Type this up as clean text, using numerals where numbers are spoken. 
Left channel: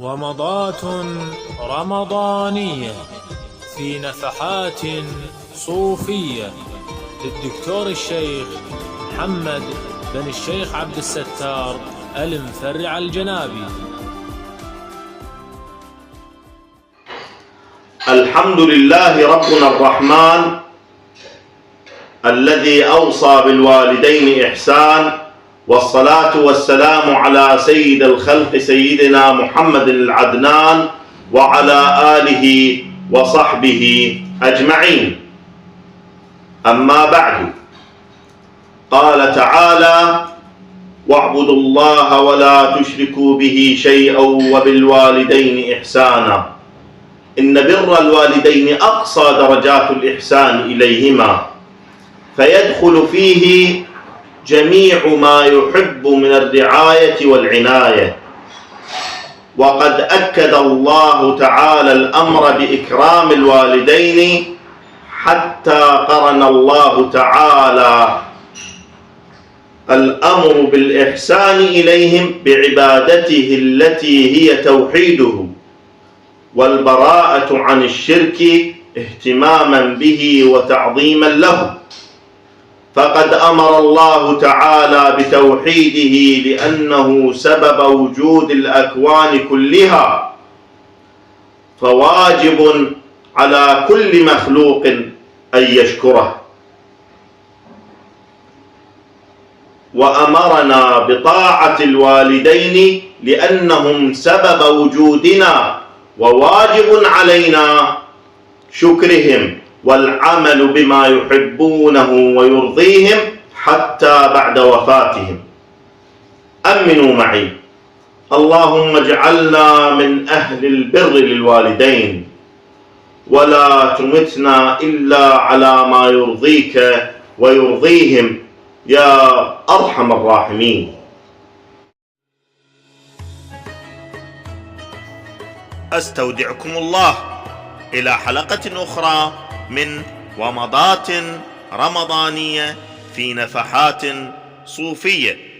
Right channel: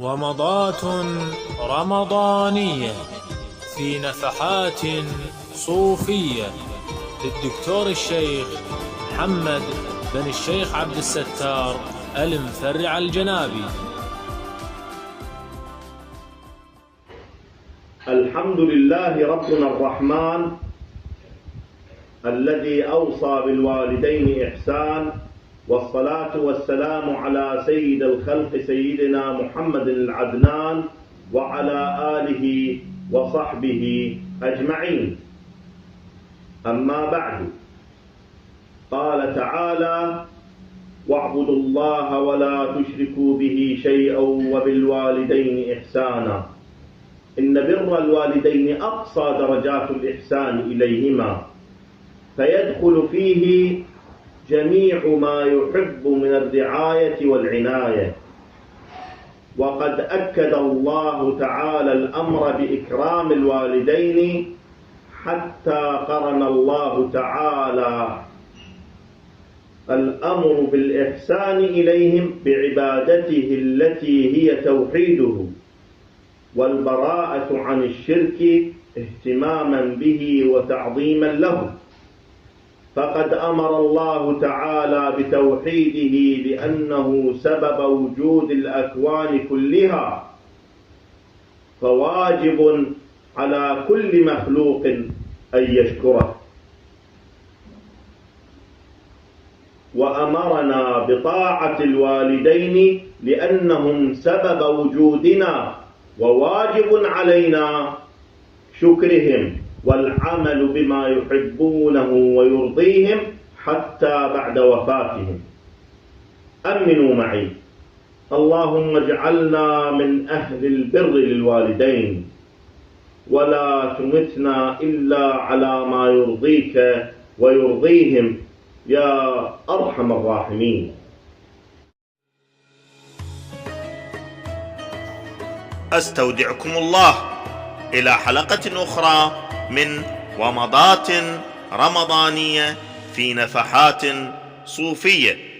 ومضات رمضانية في نفحات صوفية للدكتور الشيخ محمد بن الشيخ عبد الستار المفرع الجنابي. الحمد لله ربنا الرحمن الذي أوصى بالوالدين إحسان، والصلاة والسلام على سيد الخلق سيدنا محمد العدنان وعلى آله وصحبه أجمعين. أما بعد، قال تعالى: واعبدوا الله ولا تشركوا به شيئا وبالوالدين إحسانا. إن بر الوالدين أقصى درجات الإحسان إليهما، فيدخل فيه جميع ما يحب من الرعاية والعناية. وقد أكد الله تعالى الأمر بإكرام الوالدين، حتى قرن الله تعالى الأمر بالإحسان إليهم بعبادته التي هي توحيده، والبراءة عن الشرك اهتماما به وتعظيما له. فقد أمر الله تعالى بتوحيده لأنه سبب وجود الأكوان كلها، فواجب على كل مخلوق أن يشكره. وأمرنا بطاعة الوالدين لأنهم سبب وجودنا، وواجب علينا شكرهم والعمل بما يحبونه ويرضيهم حتى بعد وفاتهم. أمنوا معي: اللهم اجعلنا من أهل البر للوالدين، ولا تمتنا إلا على ما يرضيك ويرضيهم يا أرحم الراحمين. أستودعكم الله إلى حلقة أخرى من ومضات رمضانية في نفحات صوفية.